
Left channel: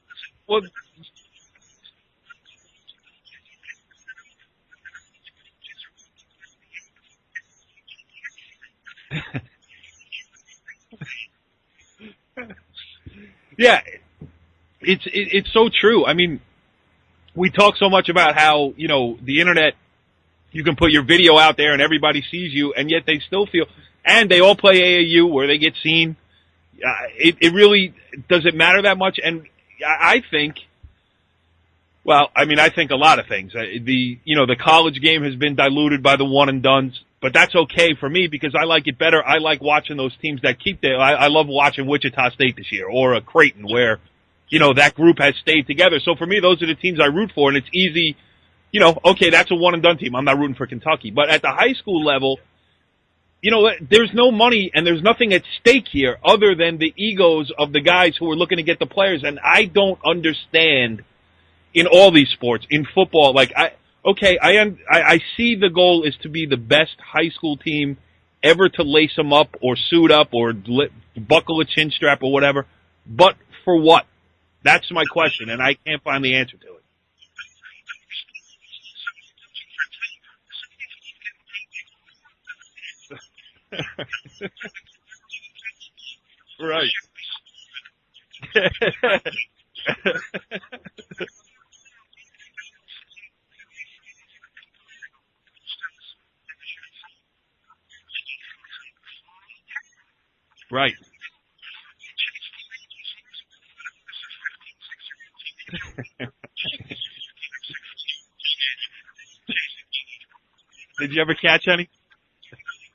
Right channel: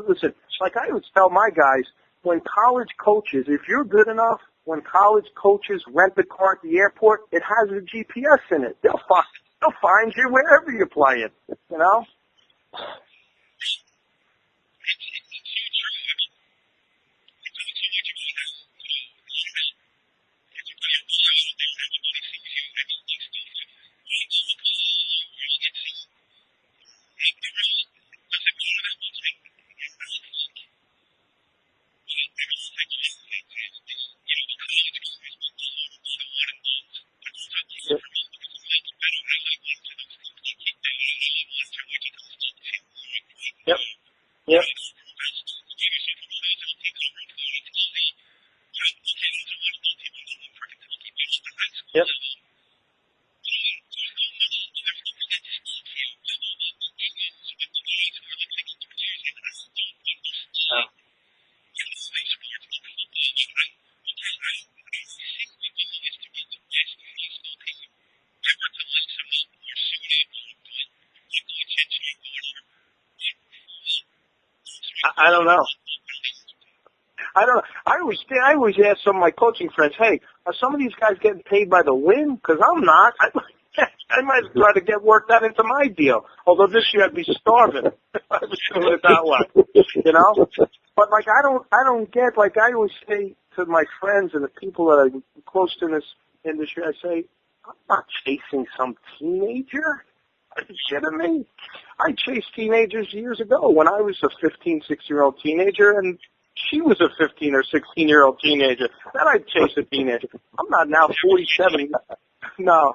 listen, like I always tell my guys, when college coaches, if you're good enough, when college coaches rent the car at the airport, it has a GPS in it. They'll find you wherever you're playing, Yeah, it's so true. we talk so much about how, you know, the internet, you can put your video out there and everybody sees you, and yet they still feel, and they all play AAU where they get seen. It really, does it matter that much? And I think, well, I mean, I think a lot of things. The college game has been diluted by the one and dones, but that's okay for me because I like it better. I like watching those teams that keep their, I love watching Wichita State this year or a Creighton where, you know, that group has stayed together. So for me, those are the teams I root for, and it's easy, you know, okay, that's a one and done team. I'm not rooting for Kentucky. But at the high school level, you know, there's no money and there's nothing at stake here other than the egos of the guys who are looking to get the players. And I don't understand in all these sports, in football, like I see the goal is to be the best high school team ever to lace them up or suit up or buckle a chin strap or whatever. But for what? That's my question, and I can't find the answer to it. I don't know. I always ask some of my coaching friends, hey, are some of these guys getting paid by the win? Because I'm not. I might try to get worked that into my deal. Although this year I'd be starving if I was doing it that way. You know? But like I don't get, like I always say to my friends and the people that I'm close to in this industry, I say, I'm not chasing some teenager. Are you kidding me? I chased teenagers years ago when I was a 15, 16-year-old teenager, and she was a 15 or 16-year-old teenager. Then I chased a teenager. I'm not now. Did you ever catch any? No.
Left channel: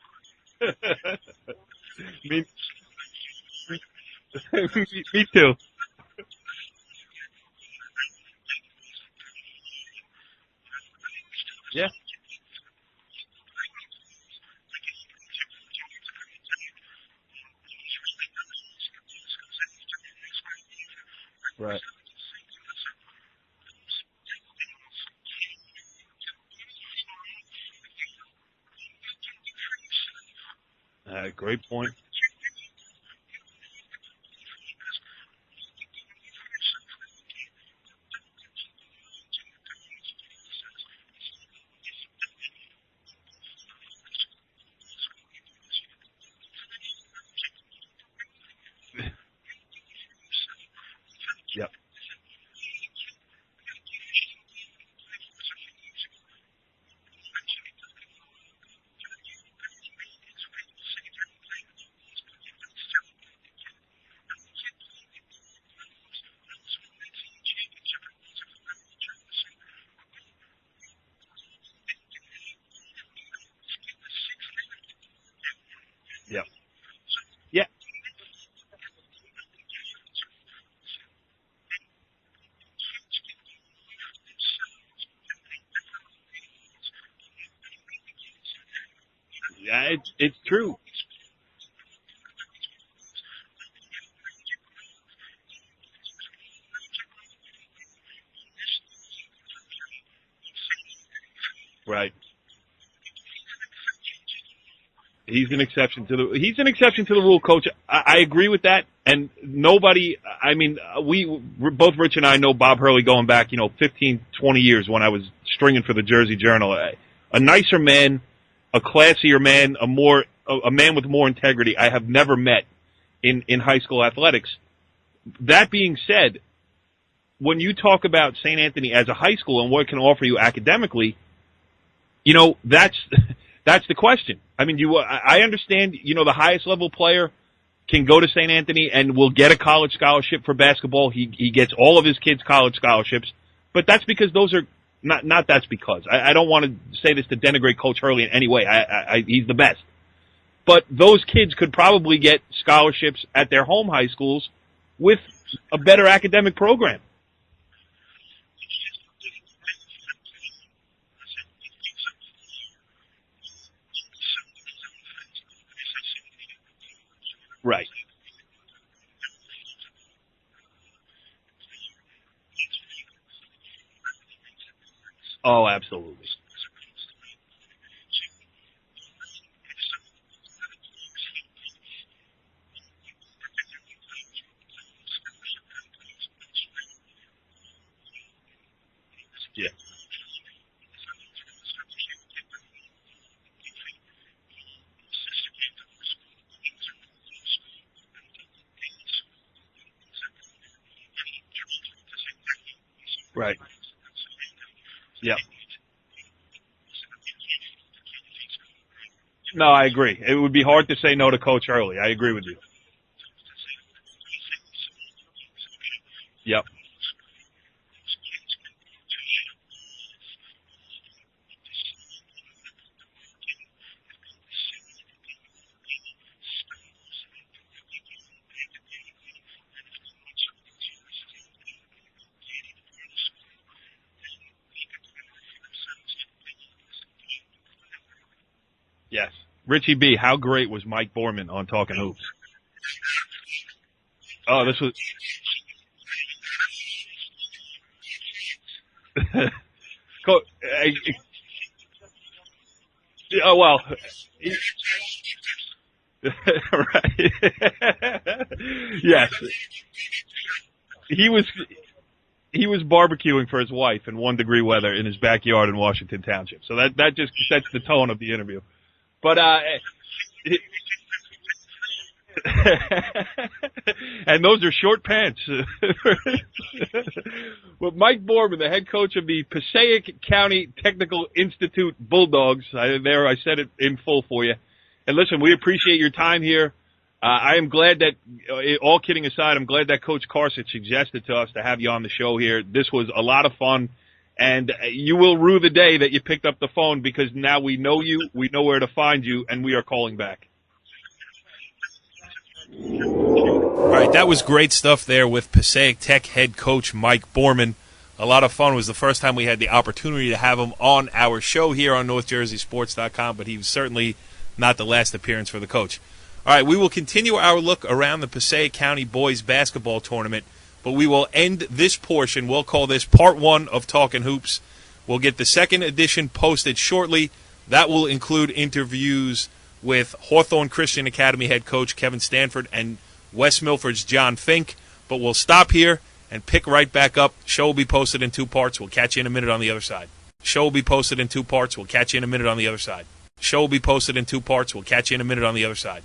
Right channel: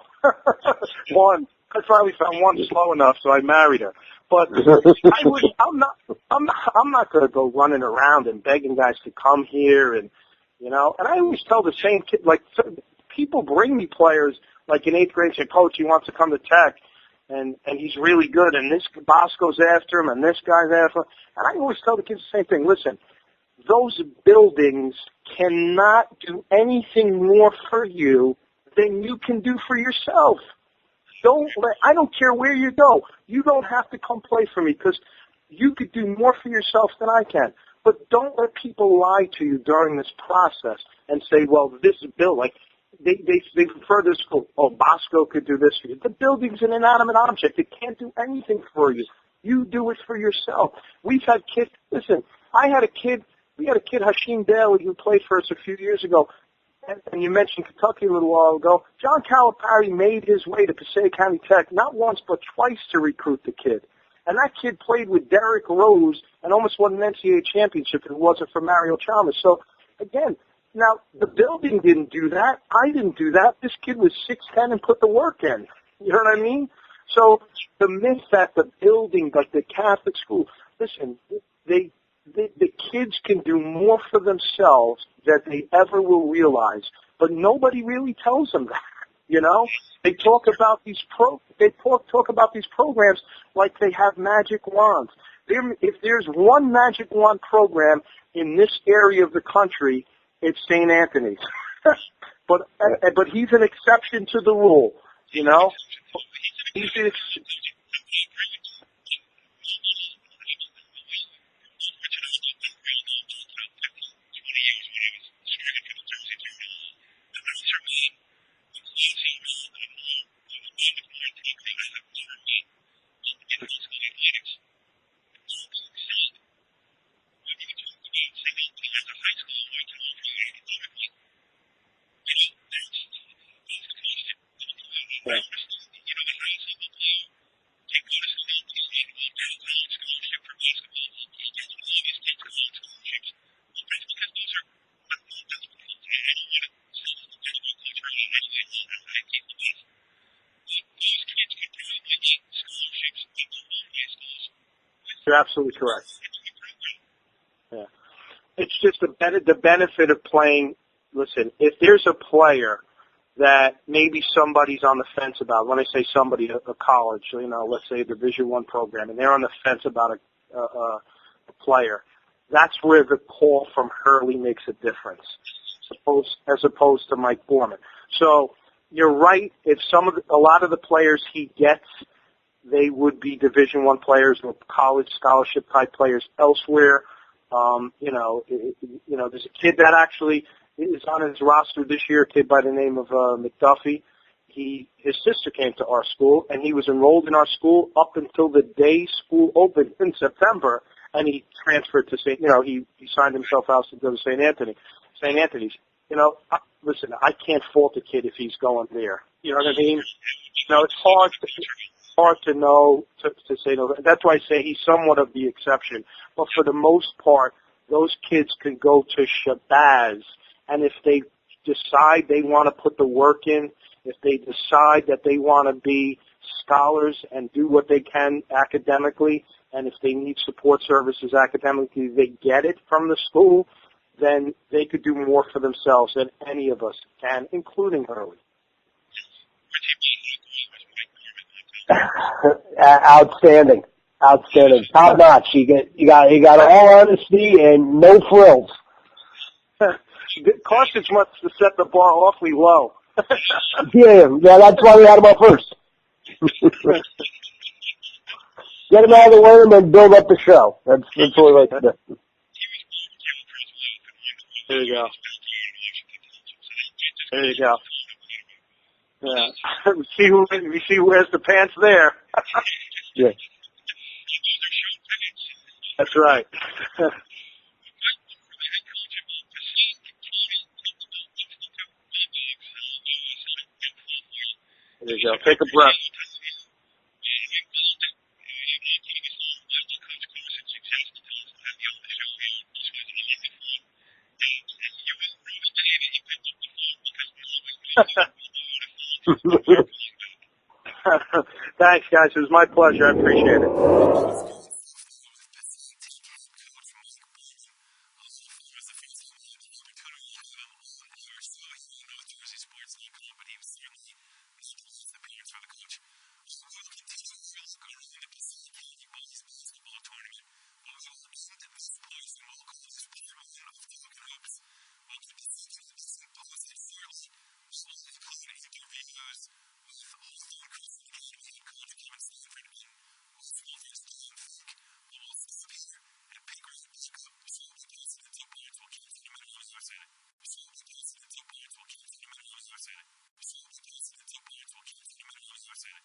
One. I finally found one slow enough, so I married her. But Me too. I'm not going to go running around and begging guys to come here, and you know. And I always tell the same kid, like people bring me players, like in 8th grade, say, Coach, he wants to come to Tech. And he's really good, and this boss goes after him, and this guy's after him. And I always tell the kids the same thing. Listen, those buildings cannot do anything more for you than you can do for yourself. I don't care where you go. You don't have to come play for me because you could do more for yourself than I can. But don't let people lie to you during this process and say, well, this is built like – They refer to school. Oh, Bosco could do this for you. The building's an inanimate object. It can't do anything for you. You do it for yourself. We've had kids. Listen, we had a kid, Hashim Bailey, who played for us a few years ago. And you mentioned Kentucky a little while ago. John Calipari made his way to Passaic County Tech not once but twice to recruit the kid. And that kid played with Derrick Rose and almost won an NCAA championship if it wasn't for Mario Chalmers. So, again, now, the building didn't do that. I didn't do that. This kid was 6'10" and put the work in. You know what I mean? So the myth that the building, like the Catholic school, listen, the kids can do more for themselves than they ever will realize, but nobody really tells them that. You know, they talk about these talk about these programs like they have magic wands. If there's one magic wand program in this area of the country, it's St. Anthony's. Right. But he's an exception to the rule. He's an exception to the rule, Coach. I agree with that. And nobody, I mean, both Rich and I know Bob Hurley going back, 15, 20 years when I was stringing for the Jersey Journal. A nicer man, a classier man, a man with more integrity I have never met in high school athletics. That being said, when you talk about St. Anthony as a high school and what it can offer you academically, that's the question. I mean, I understand, the highest level player can go to St. Anthony and will get a college scholarship for basketball. He gets all of his kids college scholarships, but that's because those are not that's because. I don't want to say this to denigrate Coach Hurley in any way. He's the best. But those kids could probably get scholarships at their home high schools with a better academic program. Yeah. It's just the benefit of playing. Listen, if there's a player that maybe somebody's on the fence about, when I say somebody, a college, let's say a Division I program, and they're on the fence about a player, that's where the call from Hurley makes a difference. Oh, absolutely. As opposed to Mike Boorman. So you're right. If a lot of the players he gets, they would be Division I players or college scholarship type players elsewhere. There's a kid that actually is on his roster this year, a kid by the name of McDuffie. his sister came to our school, and he was enrolled in our school up until the day school opened in September, and he transferred to St. He signed himself out to go to St. Anthony's. Listen, I can't fault a kid if he's going there. You know no, what I I mean? agree. It would be hard to say no to Coach early. I agree with you. To say no. That's why I say he's somewhat of the exception. But for the most part, those kids can go to Shabazz, and if they decide they want to put the work in, if they decide that they want to be scholars and do what they can academically, and if they need support services academically, they get it from the school, then they could do more for themselves than any of us can, including Hurley. Yes. Richie B., how great was Mike Boorman on Talkin Hoops? Outstanding. Outstanding. Top notch. You got all honesty and no frills. Carcich wants to set the bar awfully low. Oh, well. Yeah, that's why we had him up first. Right. Get him out of the way and build up the show. That's what we like to do. He was barbecuing for his wife in 1-degree weather in his backyard in Washington Township. So that just sets the tone of the interview. But we see who has the pants there. And those are short pants. That's right. Well, Mike Boorman, the head coach of the Passaic County Technical Institute Bulldogs. I said it in full for you. And listen, we appreciate your time here. I am glad that, all kidding aside, I'm glad that Coach Carcich suggested to us to have you on the show here. This was a lot of fun, and you will rue the day that you picked up the phone because now we know you, we know where to find you, and we are calling back. Thanks, guys. It was my pleasure. I appreciate it. All right, that was great stuff there with Passaic Tech head coach Mike Boorman. A lot of fun. It was the first time we had the opportunity to have him on our show here on NorthJerseySports.com, but he was certainly not the last appearance for the coach. All right, we will continue our look around the Passaic County boys basketball tournament, but we will end this portion. We'll call this part 1 of Talkin Hoops. We'll get the second edition posted shortly. That will include interviews with Hawthorne Christian Academy head coach Kevin Stanford and West Milford's John Fink. But we'll stop here and pick right back up. Show will be posted in 2 parts. We'll catch you in a minute on the other side. Show will be posted in 2 parts. We'll catch you in a minute on the other side. Show will be posted in 2 parts. We'll catch you in a minute on the other side.